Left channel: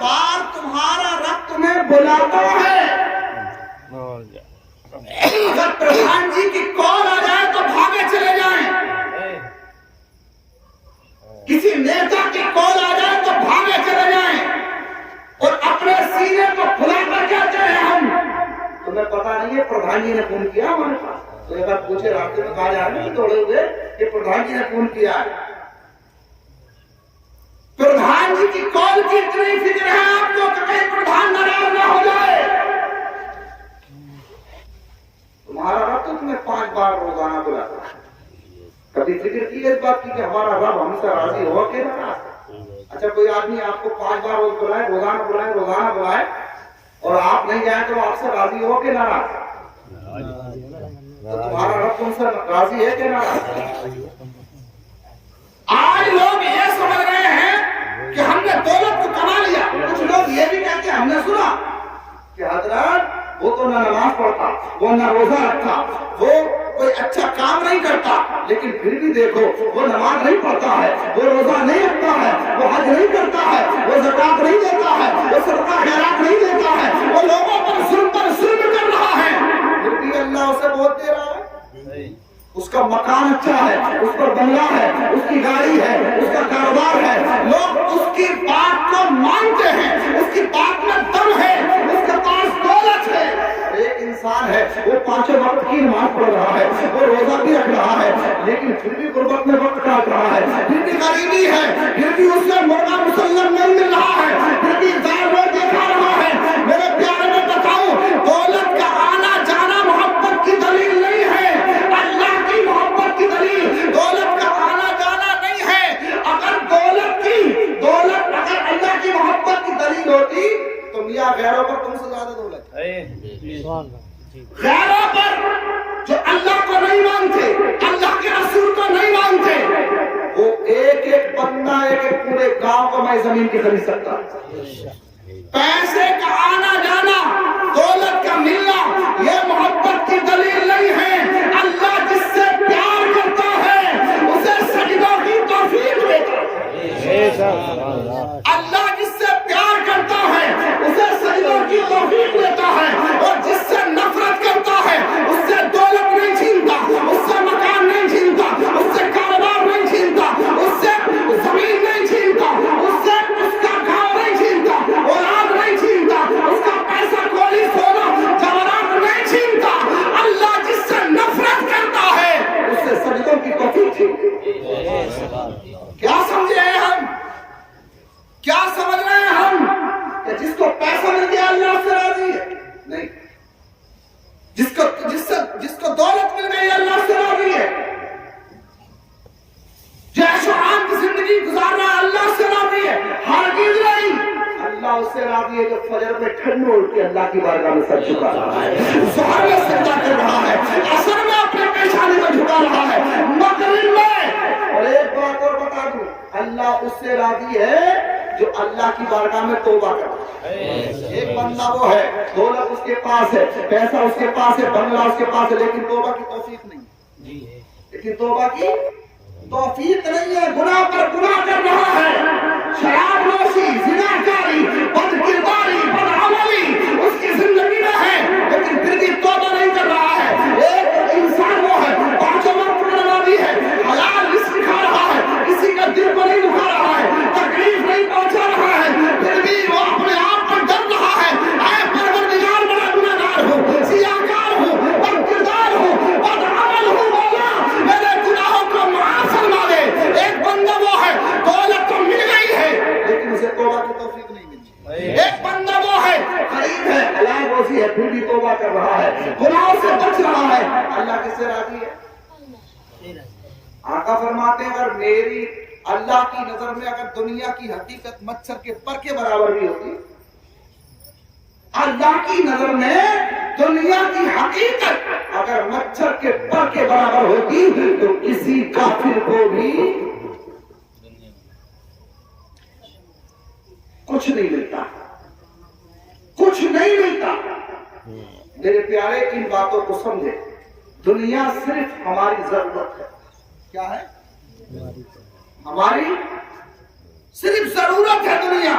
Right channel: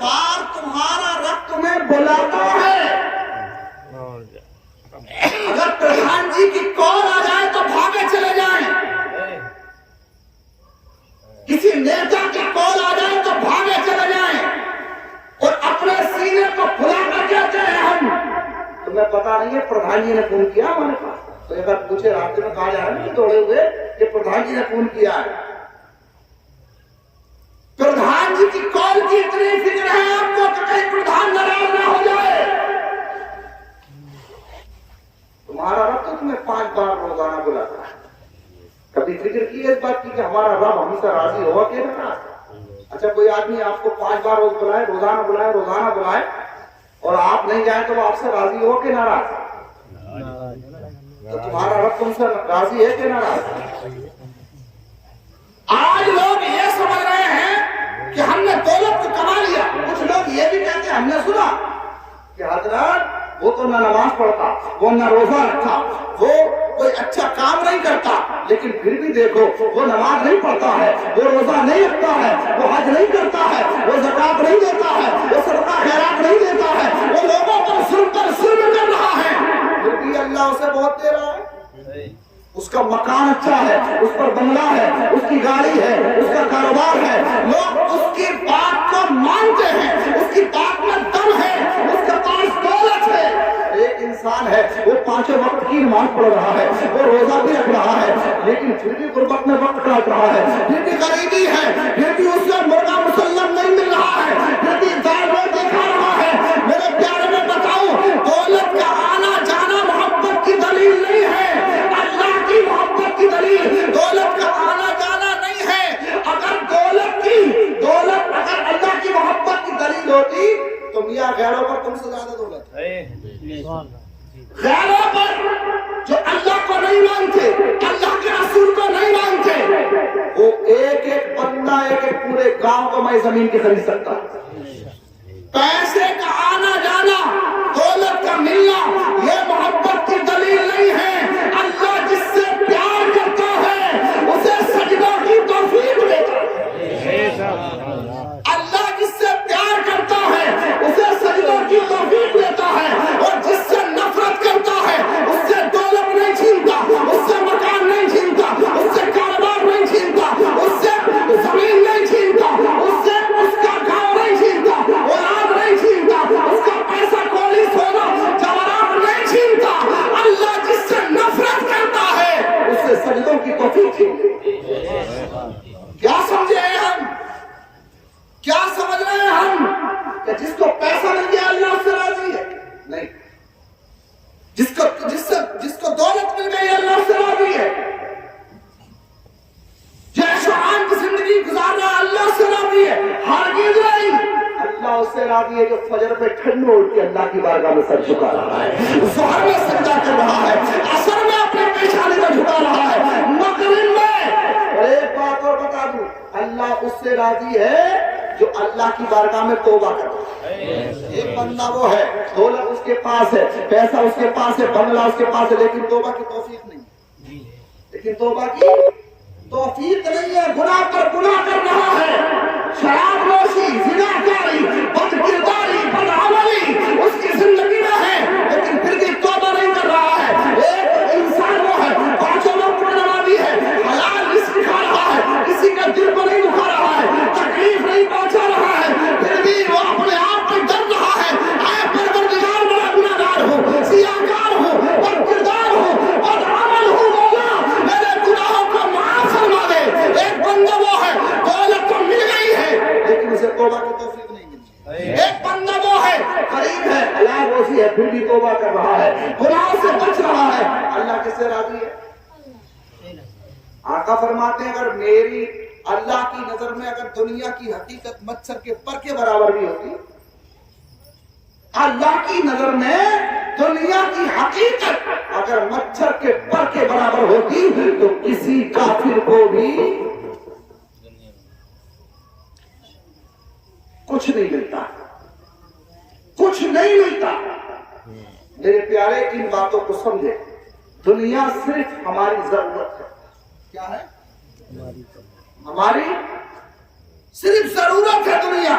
بار تمہارا رب تمہیں بلاتا ہے، اگر پردھان جی کی کال آ جائے تو بھاگے چلے جائیں، کسی نیتا کی کال آ جائے تو بھاگے چلے جائیں، اور اپنے سینے کو کھلا کر کہتے ہیں ہم تمہیں پتا نہیں ہے پردھان جی نے فون کیا ہمارے پاس، تو اگر پوچھے راستے میں کہا جائے نہیں دوڑے ہوئے کہ پردھان جی نے فون کیا ہے۔ پردھان جی کی کال کی اتنی فکر ہے آپ کو کہ کہیں پردھان ناراض نہ ہو جائے۔ تمہارا رب تو تمہیں 5 بار روزانہ بلاتا ہے، کبھی فکر کی ہے اس بات کی کہ ہمارا رب ہم سے راضی ہوا کہ ناراض؟ اچھا کوئی آدمی آپ کو 5 بار روز بلائے، روزانہ بلائے اور آپ نہیں جائیں تو آپ سے راضی ہو کہ ناراض؟ تو تمہارا رب تم سے راضی ہے کہ ناراض؟ آج لوگ یہ سمجھ رہے ہیں کہ ہم نے دولت کو کما لیا، کچھ لوگ یہ بھی کہتے ہیں ہم نے سنا کہ حضرت وہ تو نہ نماز پڑھتا، وہ نہ روزہ رکھتا، وہ کوئی اچھا کام نہیں کرتا، لیکن پھر بھی دیکھو وہ نماز نہیں پڑھتا ہے، وہ روزہ نہیں رکھتا ہے، وہ حج نہیں کرتا ہے، وہ زکات نہیں دیتا ہے، وہ صدقہ خیرات نہیں دیتا ہے، وہ لوگوں پر ظلم کر رہا ہے، پھر بھی اللہ اسے بہت دے رہا ہے۔ اس کا مکان اچھا ہے، اس پر بنگلہ ہے، اس کی گاڑی ہے، اس کا کاروبار ہے، لوگ اس کی بات کو مانتے ہیں، اس کی بات میں دم ہے، اس کے پاس دولت ہے۔ ایک انسان ہے وہ 5 وقت کی نماز پڑھ رہا ہے، وہ روزہ بھی رکھ رہا ہے، لیکن پھر بھی غربت میں وقت کاٹ رہا ہے، پھر بھی غریبی ہے، پھر بھی اس سے مرغا مسلم نہیں مل رہا ہے، پھر بھی ظالم دیکھا رہا ہے۔ میرے پیارے میں بتاؤں، دولت کا آنا جانا محبت کی دلیل نہیں ہے، محبت کی دلیل دولت کا آنا جانا نہیں ہے۔ اگر دولت اگر اللہ کی محبت کی دلیل ہوتی تو میاں غیروں پر تم سے زیادہ دولت ہے، غیروں پر جو اللہ کو نہیں مانتے، اللہ کے رسول کو نہیں مانتے، وہ ایک بندہ ایک پورے گاؤں کو میں زمین کی خرید سکتا۔ پیسے کا آنا جانا، دولت کا ملنا یہ محبت کی دلیل نہیں ہے۔ اللہ جس سے پیار کرتا ہے اسے سجدوں کی توفیق دیتا ہے، اللہ جس سے پیار کرتا ہے اسے سجدوں کی توفیق دیتا ہے، اور جس سے نفرت کرتا ہے اس سے دولت نہیں چھینتا، اس سے مکان نہیں چھینتا، اس سے کاروبار نہیں چھینتا، اس سے زمین نہیں چھینتا، اس سے اس کا گھر نہیں چھینتا، اولاد نہیں چھینتا، اس کا پیسہ کولی سونا جواہرات نہیں چھینتا۔ اللہ جس سے نفرت کرتا ہے اس سے سجدوں کی توفیق چھینتا۔ کیا سمجھے ہیں ہم؟ کیا سمجھ رہے ہیں ہم کہ جس کو پیسہ مل گیا اللہ سے راضی ہے؟ نہیں، جس کو دولت مل گئی اللہ سے راضی ہے، جیش و عام کی زندگی گزار رہا اللہ سے راضی ہے، ہرگز نہیں۔ اللہ اس سے راضی ہے جو فجر میں ٹھنڈ اٹھ کے اللہ کی بارگاہ میں سر جھکا رہا ہے، ظہر میں سجدہ کر رہا ہے، عصر میں اپنے پیشانی میں جھکا رہا ہے، مغرب میں۔ اور ایک بات اور بتا دوں، اللہ اس سے راضی ہے جو اللہ کی بارگاہ میں توبہ کرتا ہے۔ ایک بندہ وہ ہے، دولت اس کے پاس ہے، پیسہ اس کے پاس ہے، بنگلہ اس کے پاس ہے، لیکن توبہ کی توفیق نہیں ہے، لیکن توبہ کی توفیق نہیں ہے، گناہ پر گناہ کر رہا ہے، شراب نوشی، زناکاری، بد کرداری، بد عملی اس کی زندگی میں ہے، لیکن پھر بھی توبہ نہیں کر رہا ہے۔ ایک انسان وہ ہے 5 وقت نمازی ہے، حلال رزق کھا رہا ہے، کسی کا دل کو نہیں دکھا رہا ہے، تکلیف نہیں پہنچا رہا ہے، پھر بھی وہ اپنے آپ پر ڈر رہا ہے، اے پروردگار بڑا گناہگار ہوں، سیاہکار ہوں، بد کردار ہوں، بد عمل ہوں، مولا میرے گناہوں کو معاف فرما دے۔ ایک بندہ وہ ہے، دولت تو مل گئی ہے لیکن اسے توبہ کی توفیق نہیں ملی۔ ایک بندہ وہ ہے، غریب ہے، حلال روزی ہے، پھر بھی توبہ کر رہا ہے، گناہوں سے بچ رہا ہے، اللہ کس سے راضی ہے؟ آقا فرماتے ہیں اگر میری اللہ کی نظر میں اگر دنیا کی حقیقت مچھر کے پر کے برابر بھی ہوتی، اللہ کی نظر میں دنیا کی حقیقت اگر مچھر کے پر کے برابر ہوتی تو کسی کافر کو بھی کچھ نہیں ملتا، کچھ نہیں ملتا۔ میرے پیارے ان باتوں کو سمجھے، دنیا صرف ہماری ضرورت ہے۔ کیا ہے؟ ہماری صرف ضرورت ہے دنیا،